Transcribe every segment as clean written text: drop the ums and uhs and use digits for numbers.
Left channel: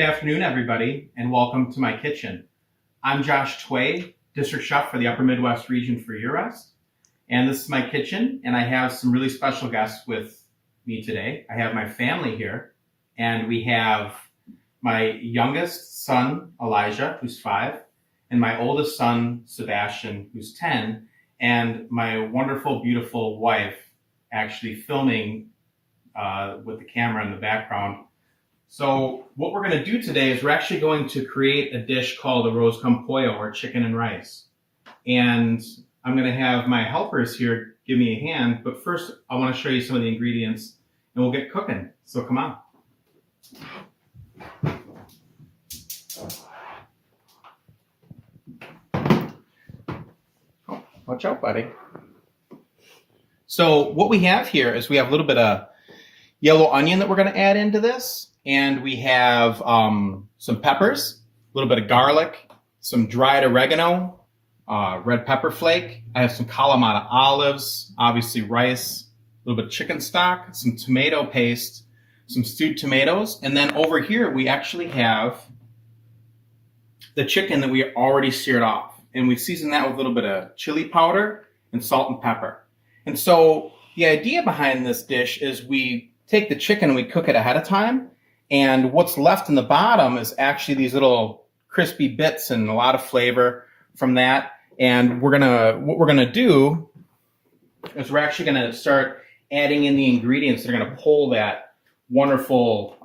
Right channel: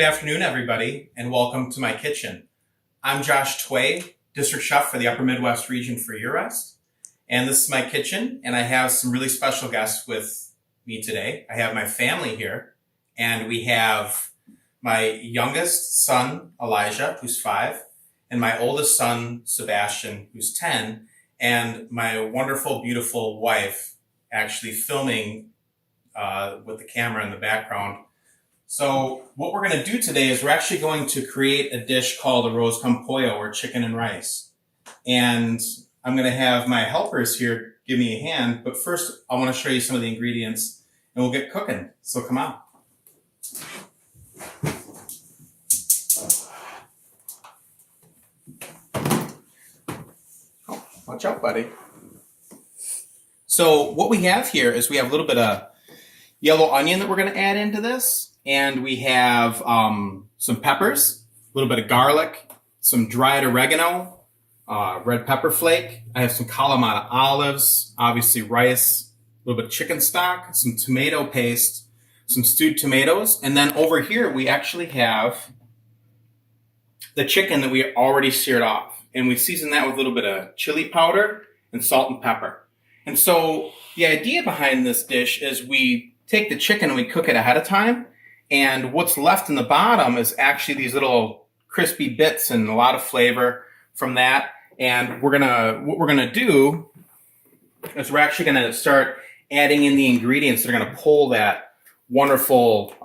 Good afternoon, everybody, and welcome to my kitchen. I'm Josh Tway, District Chef for the Upper Midwest region for Year Rest. And this is my kitchen, and I have some really special guests with me today. I have my family here, and we have my youngest son, Elijah, who's 5, and my oldest son, Sebastian, who's 10, and my wonderful, beautiful wife actually filming with the camera in the background. So what we're going to do today is we're actually going to create a dish called a arroz con pollo, or chicken and rice. And I'm going to have my helpers here give me a hand. But first, I want to show you some of the ingredients, and we'll get cooking. So come on. Oh, watch out, buddy. So what we have here is we have a little bit of yellow onion that we're going to add into this. And we have some peppers, a little bit of garlic, some dried oregano, red pepper flake. I have some Kalamata olives, obviously rice, a little bit of chicken stock, some tomato paste, some stewed tomatoes. And then over here, we actually have the chicken that we already seared off. And we season that with a little bit of chili powder and salt and pepper. And so the idea behind this dish is we take the chicken and we cook it ahead of time. And what's left in the bottom is actually these little crispy bits and a lot of flavor from that. And what we're gonna do is we're actually gonna start adding in the ingredients that are gonna pull that wonderful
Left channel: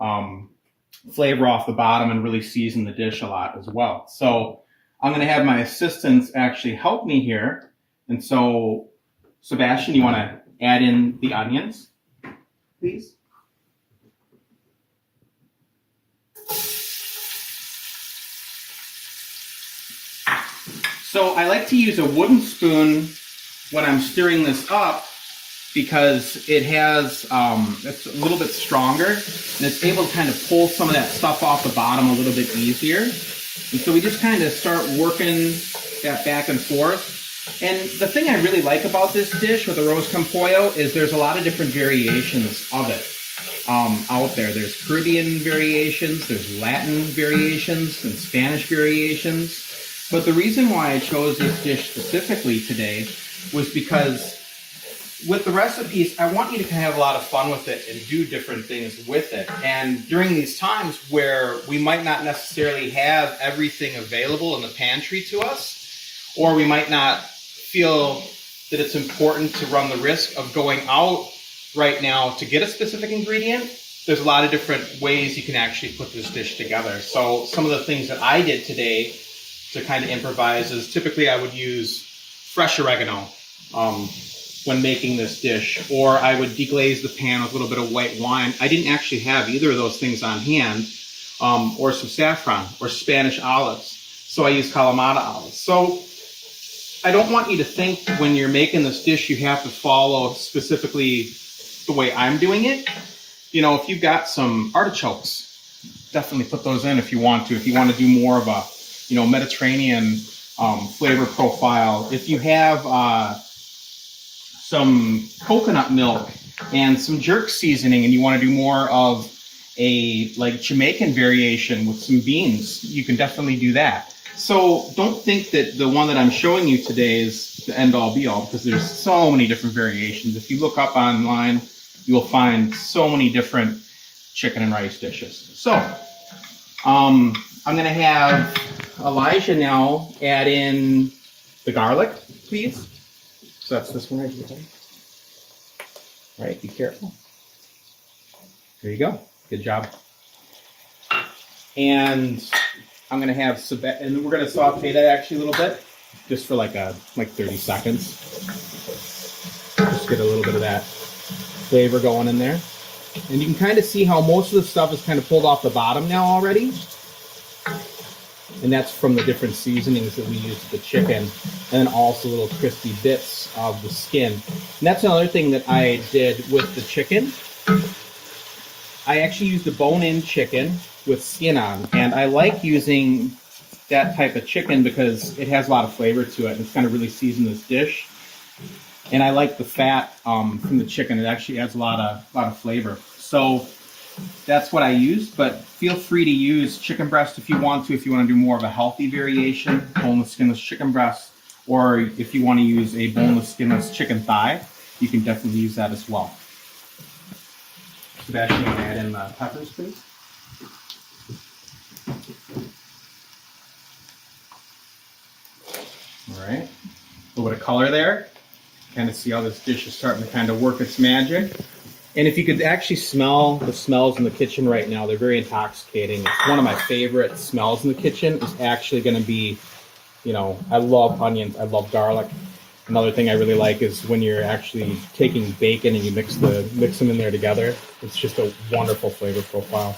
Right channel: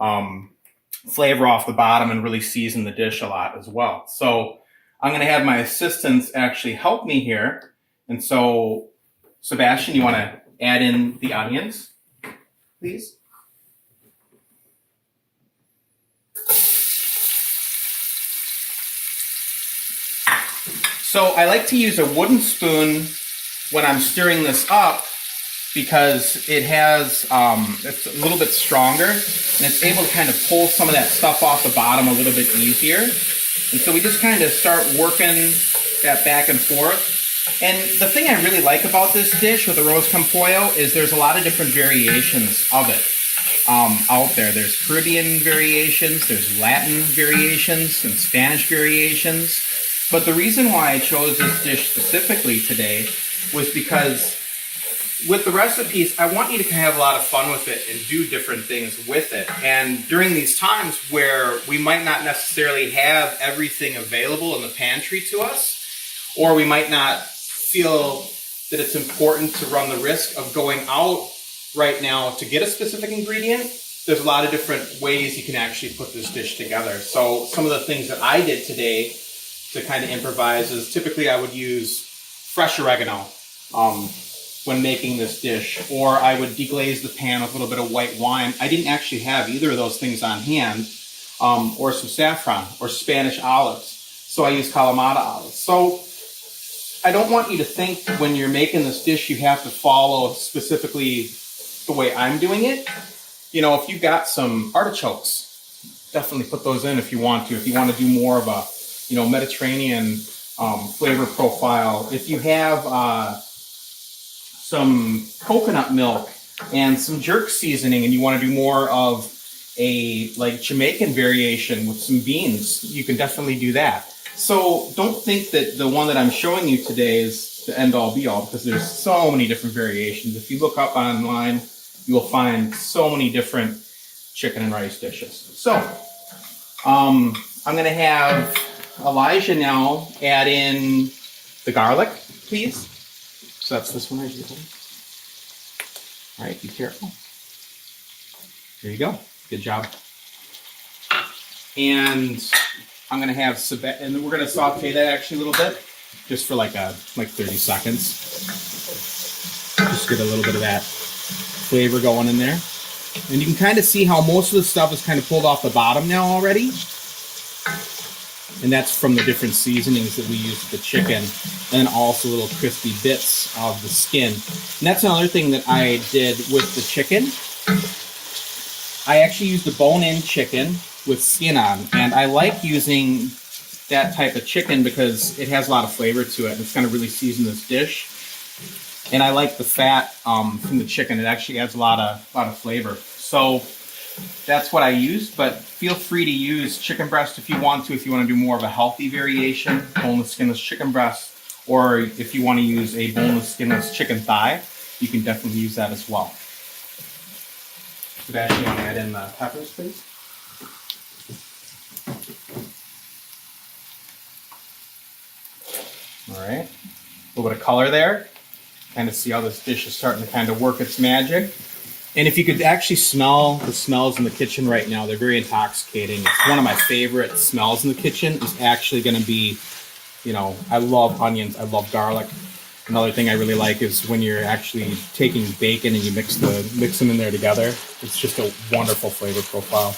flavor off the bottom and really season the dish a lot as well. So I'm gonna have my assistants actually help me here. And so, Sebastian, you wanna add in the onions, please? So I like to use a wooden spoon when I'm stirring this up because it has, it's a little bit stronger and it's able to kind of pull some of that stuff off the bottom a little bit easier. And so we just kind of start working that back and forth. And the thing I really like about this dish with the arroz con pollo is there's a lot of different variations of it out there. There's Caribbean variations, there's Latin variations, and Spanish variations. But the reason why I chose this dish specifically today was because with the recipes, I want you to have a lot of fun with it and do different things with it. And during these times where we might not necessarily have everything available in the pantry to us, or we might not feel that it's important to run the risk of going out right now to get a specific ingredient, there's a lot of different ways you can actually put this dish together. So some of the things that I did today to kind of improvise is typically I would use fresh oregano when making this dish, or I would deglaze the pan with a little bit of white wine. I didn't actually have either of those things on hand, or some saffron or Spanish olives. So I used Kalamata olives. So I don't want you to think when you're making this dish you have to follow specifically the way I'm doing it. You know, if you've got some artichokes, definitely put those in if you want to. If you want to do more of a Mediterranean flavor profile. If you have some coconut milk and some jerk seasoning and you want to do more of a Jamaican variation with some beans, you can definitely do that. So don't think that the one that I'm showing you today is the end all be all, because there's so many different variations. If you look up online, you will find so many different chicken and rice dishes. So I'm going to have Elijah now add in the garlic, please. So that's this one right here. All right, be careful. There you go. Good job. And I'm going to have and we're going to saute that actually a little bit, just for like 30 seconds. Just get a little bit of that flavor going in there. And you can kind of see how most of the stuff is kind of pulled off the bottom now already. And that's from the different seasonings that we use with the chicken, and then also little crispy bits of the skin. And that's another thing that I did with the chicken. I actually used the bone-in chicken with skin on, and I like using that type of chicken because it has a lot of flavor to it, and it's going to really season this dish. And I like the fat from the chicken. It actually adds a lot of flavor. So that's what I used, but feel free to use chicken breast if you want to do more of a healthy variation, boneless, skinless chicken breast, or if you want to use a boneless, skinless chicken thigh, you can definitely use that as well. Sebastian, you want to add in the peppers, please? All right, a little bit of color there. Kind of see how this dish is starting to kind of work its magic. And if you could actually smell the smells in the kitchen right now, they're very intoxicating. It's one of my favorite smells in the kitchen. Is actually going to be, you know, I love onions, I love garlic. Another thing I really like is when you're actually taking bacon and you mix them in there together. It's just a wonderful flavor profile.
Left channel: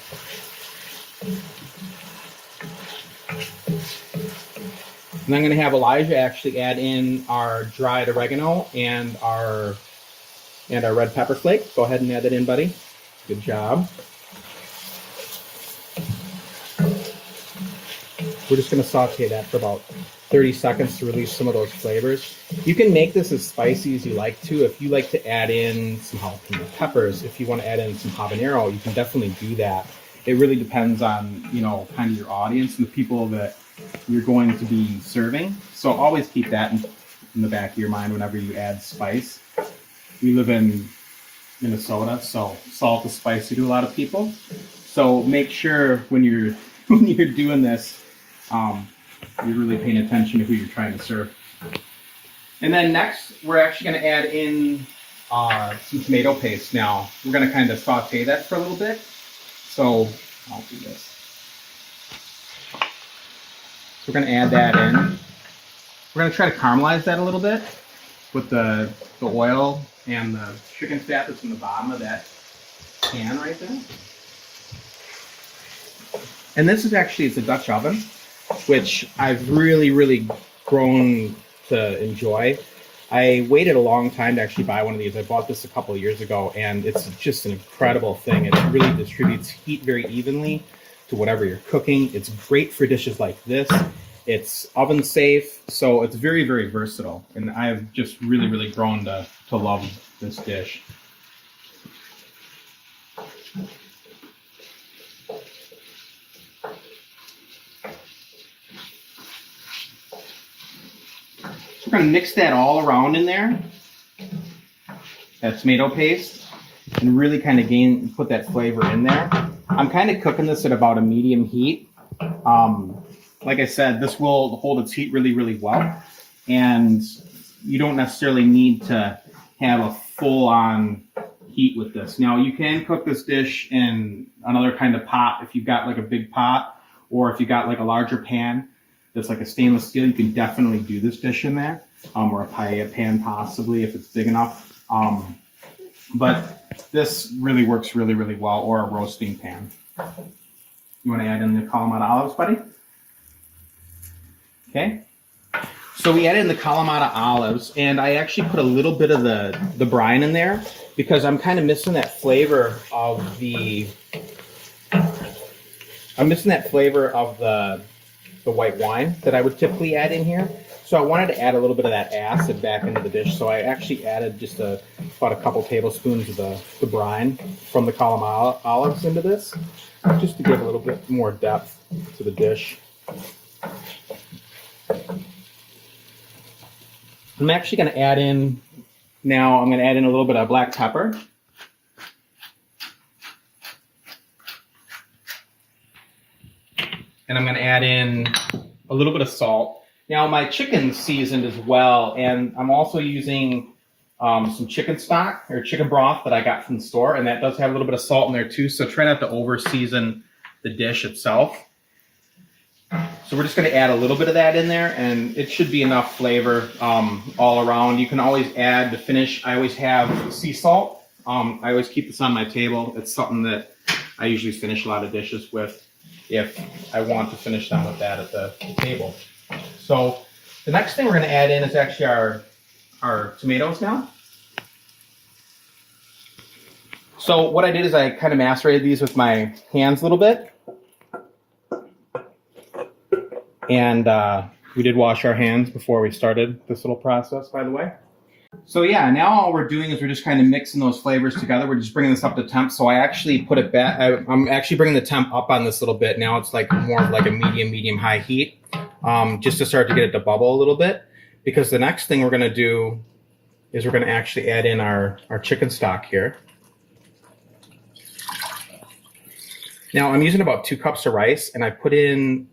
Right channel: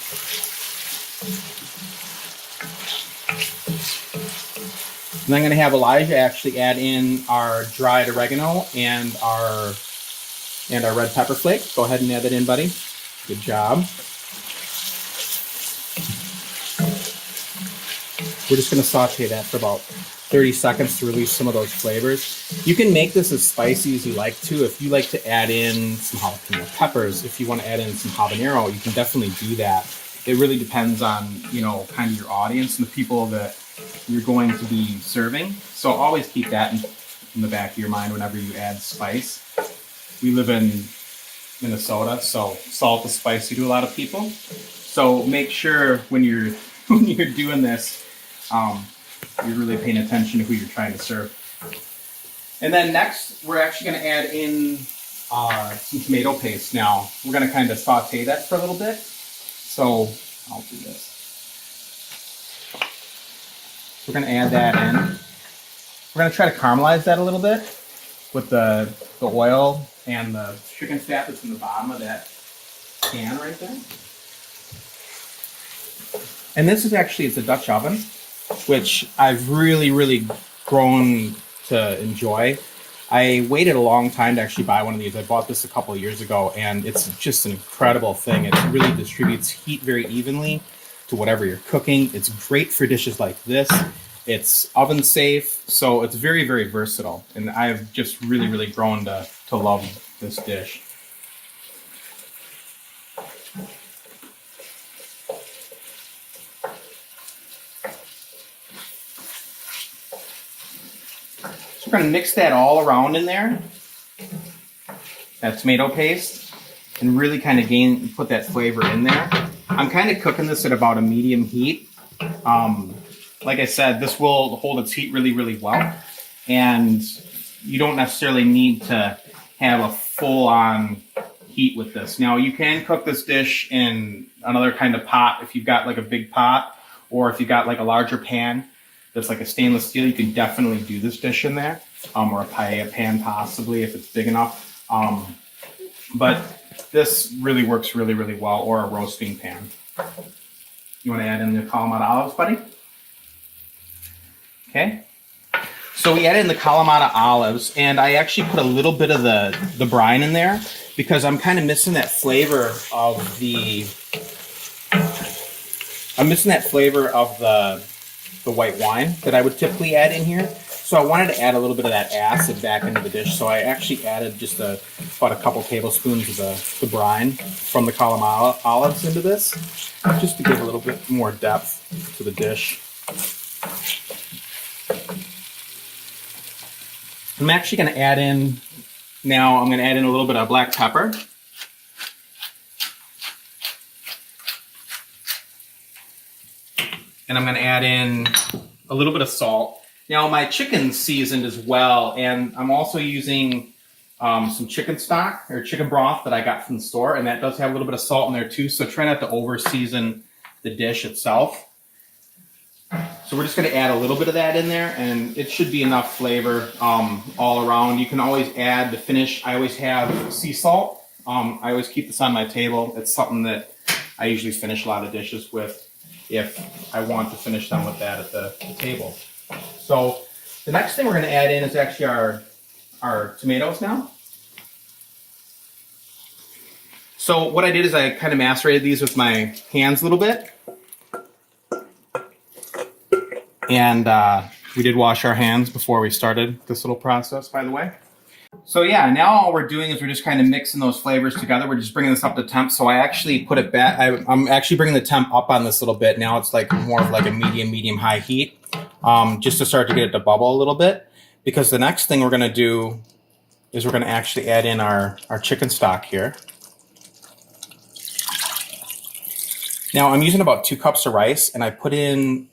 And I'm going to have Elijah actually add in our dried oregano and our red pepper flake. Go ahead and add that in, buddy. Good job. We're just going to saute that for about 30 seconds to release some of those flavors. You can make this as spicy as you like to. If you like to add in some jalapeno peppers, if you want to add in some habanero, you can definitely do that. It really depends on, you know, kind of your audience and the people that you're going to be serving. So always keep that in the back of your mind whenever you add spice. We live in Minnesota, so salt is spicy to a lot of people. So make sure when you're doing this, you're really paying attention to who you're trying to serve. And then next, we're actually going to add in some tomato paste now. We're going to kind of saute that for a little bit. So I'll do this. We're going to add that in. We're going to try to caramelize that a little bit with the oil and the chicken fat that's in the bottom of that pan right there. And this is actually, it's a Dutch oven, which I've really grown to enjoy. I waited a long time to actually buy one of these. I bought this a couple of years ago, and it's just an incredible thing. It really distributes heat very evenly to whatever you're cooking. It's great for dishes like this. It's oven safe, so it's very versatile. And I've just really grown to love this dish. So we're going to mix that all around in there, that tomato paste, and really kind of put that flavor in there. I'm kind of cooking this at about a medium heat. Like I said, this will hold its heat really well, and you don't necessarily need to have a full-on heat with this. Now, you can cook this dish in another kind of pot if you've got like a big pot, or if you've got like a larger pan that's like a stainless steel, you can definitely do this dish in there, or a paella pan possibly if it's big enough. But this really works really well, or a roasting pan. You want to add in the Kalamata olives, buddy? Okay. So we added in the Kalamata olives, and I actually put a little bit of the brine in there because I'm kind of missing that flavor of the white wine that I would typically add in here. So I wanted to add a little bit of that acid back into the dish. So I actually added just about a couple tablespoons of the brine from the Kalamata olives into this, just to give a little bit more depth to the dish. I'm actually going to add in, now I'm going to add in a little bit of black pepper. And I'm going to add in a little bit of salt. Now my chicken's seasoned as well, and I'm also using some chicken stock or chicken broth that I got from the store, and that does have a little bit of salt in there too, so try not to over season the dish itself. So we're just going to add a little bit of that in there, and it should be enough flavor all around. You can always add the finish. I always have sea salt. I always keep this on my table. It's something that I usually finish a lot of dishes with if I want to finish them with that at the table. So the next thing we're going to add in is actually our tomatoes now. So what I did is I kind of macerated these with my hands a little bit. And we did wash our hands before we started this little process, by the way. So yeah, now all we're doing is we're just kind of mixing those flavors together. We're just bringing this up to temp. So I actually put it back. I'm actually bringing the temp up on this a little bit. Now it's like more of like a medium high heat, just to start to get it to bubble a little bit. Because the next thing we're going to do is we're going to actually add in our chicken stock here. Now I'm using about 2 cups of rice, and I put in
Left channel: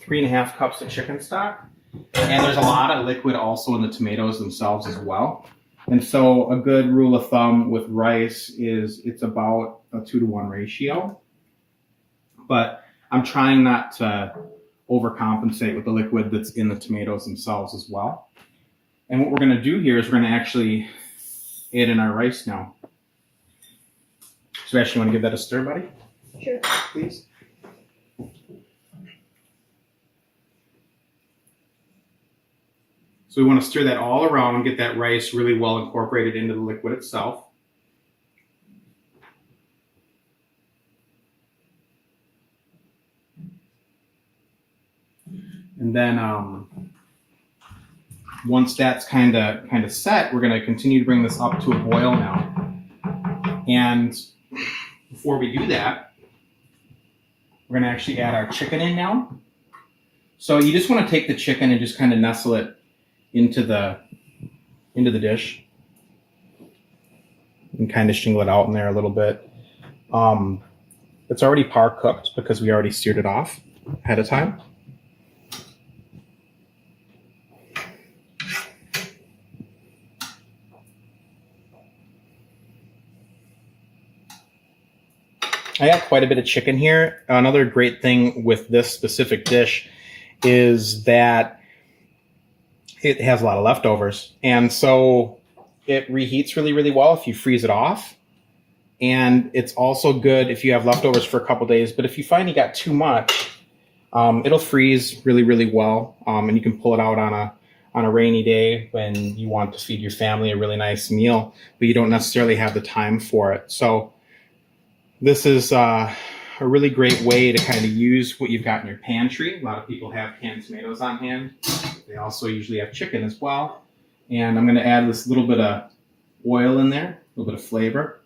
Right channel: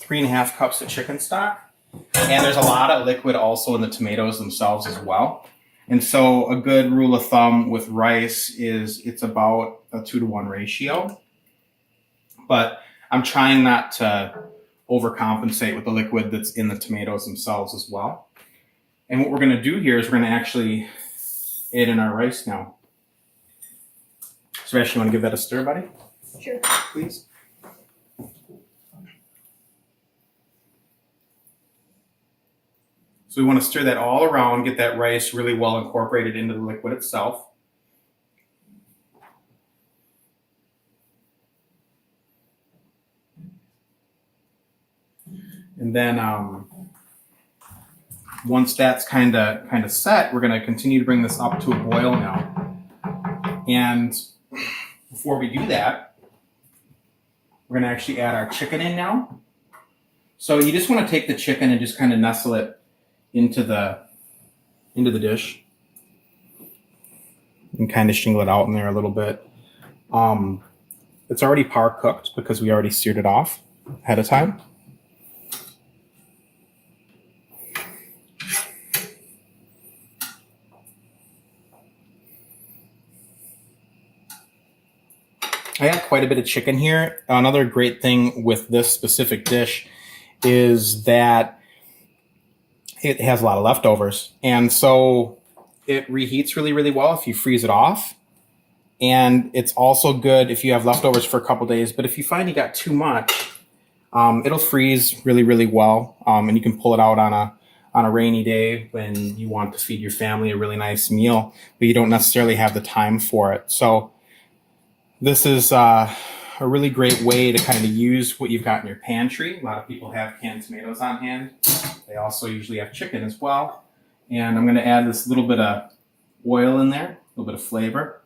3.5 cups of chicken stock. And there's a lot of liquid also in the tomatoes themselves as well. And so a good rule of thumb with rice is it's about a 2-to-1 ratio. But I'm trying not to overcompensate with the liquid that's in the tomatoes themselves as well. And what we're going to do here is we're going to actually add in our rice now. So Ash, you want to give that a stir, buddy? Sure. Please. So we want to stir that all around, get that rice really well incorporated into the liquid itself. And then once that's kind of set, we're going to continue to bring this up to a boil now. And before we do that, we're going to actually add our chicken in now. So you just want to take the chicken and just kind of nestle it into the dish and kind of shingle it out in there a little bit. It's already par cooked because we already seared it off ahead of time. I got quite a bit of chicken here. Another great thing with this specific dish is that it has a lot of leftovers. And so it reheats really well if you freeze it off. And it's also good if you have leftovers for a couple days. But if you find you got too much, it'll freeze really well. And you can pull it out on a rainy day when you want to feed your family a really nice meal, but you don't necessarily have the time for it. So this is a really great way to kind of use what you've got in your pantry. A lot of people have canned tomatoes on hand. They also usually have chicken as well. And I'm going to add this little bit of oil in there, a little bit of flavor.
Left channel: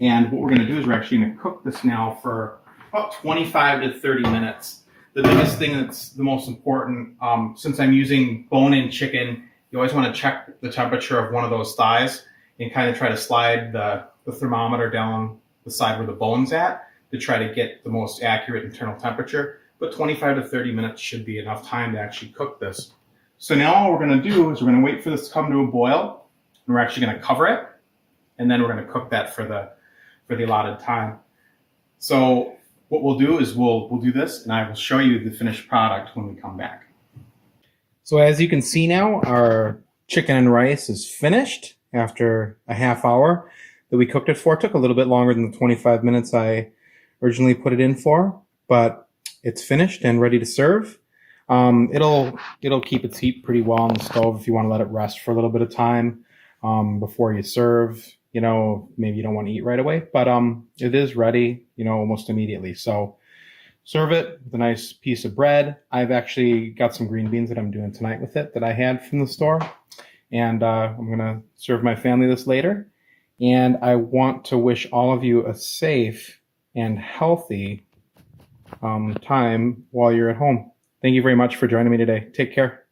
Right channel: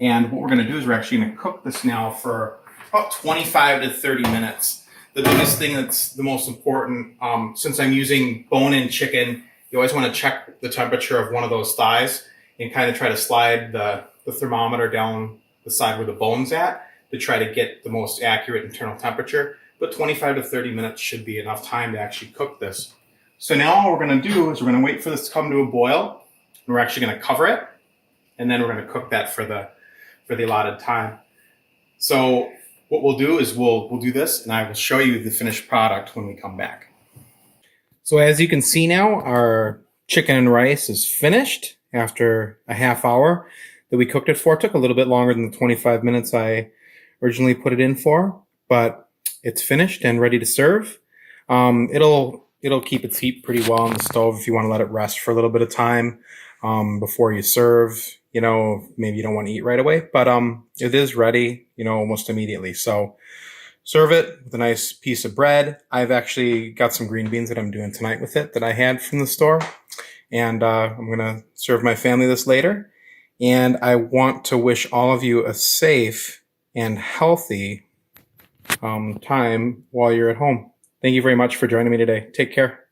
And what we're going to do is we're actually going to cook this now for about 25 to 30 minutes. The biggest thing that's the most important, since I'm using bone-in chicken, you always want to check the temperature of one of those thighs and kind of try to slide the thermometer down the side where the bone's at to try to get the most accurate internal temperature. But 25 to 30 minutes should be enough time to actually cook this. So now all we're going to do is we're going to wait for this to come to a boil. And we're actually going to cover it. And then we're going to cook that for the allotted time. So what we'll do is we'll do this, and I will show you the finished product when we come back. So as you can see now, our chicken and rice is finished after a half hour that we cooked it for. It took a little bit longer than the 25 minutes I originally put it in for, but it's finished and ready to serve. It'll keep its heat pretty well on the stove if you want to let it rest for a little bit of time before you serve. You know, maybe you don't want to eat right away, but it is ready, you know, almost immediately. So serve it with a nice piece of bread. I've actually got some green beans that I'm doing tonight with it that I had from the store. And I'm going to serve my family this later. And I want to wish all of you a safe and healthy time while you're at home. Thank you very much for joining me today. Take care.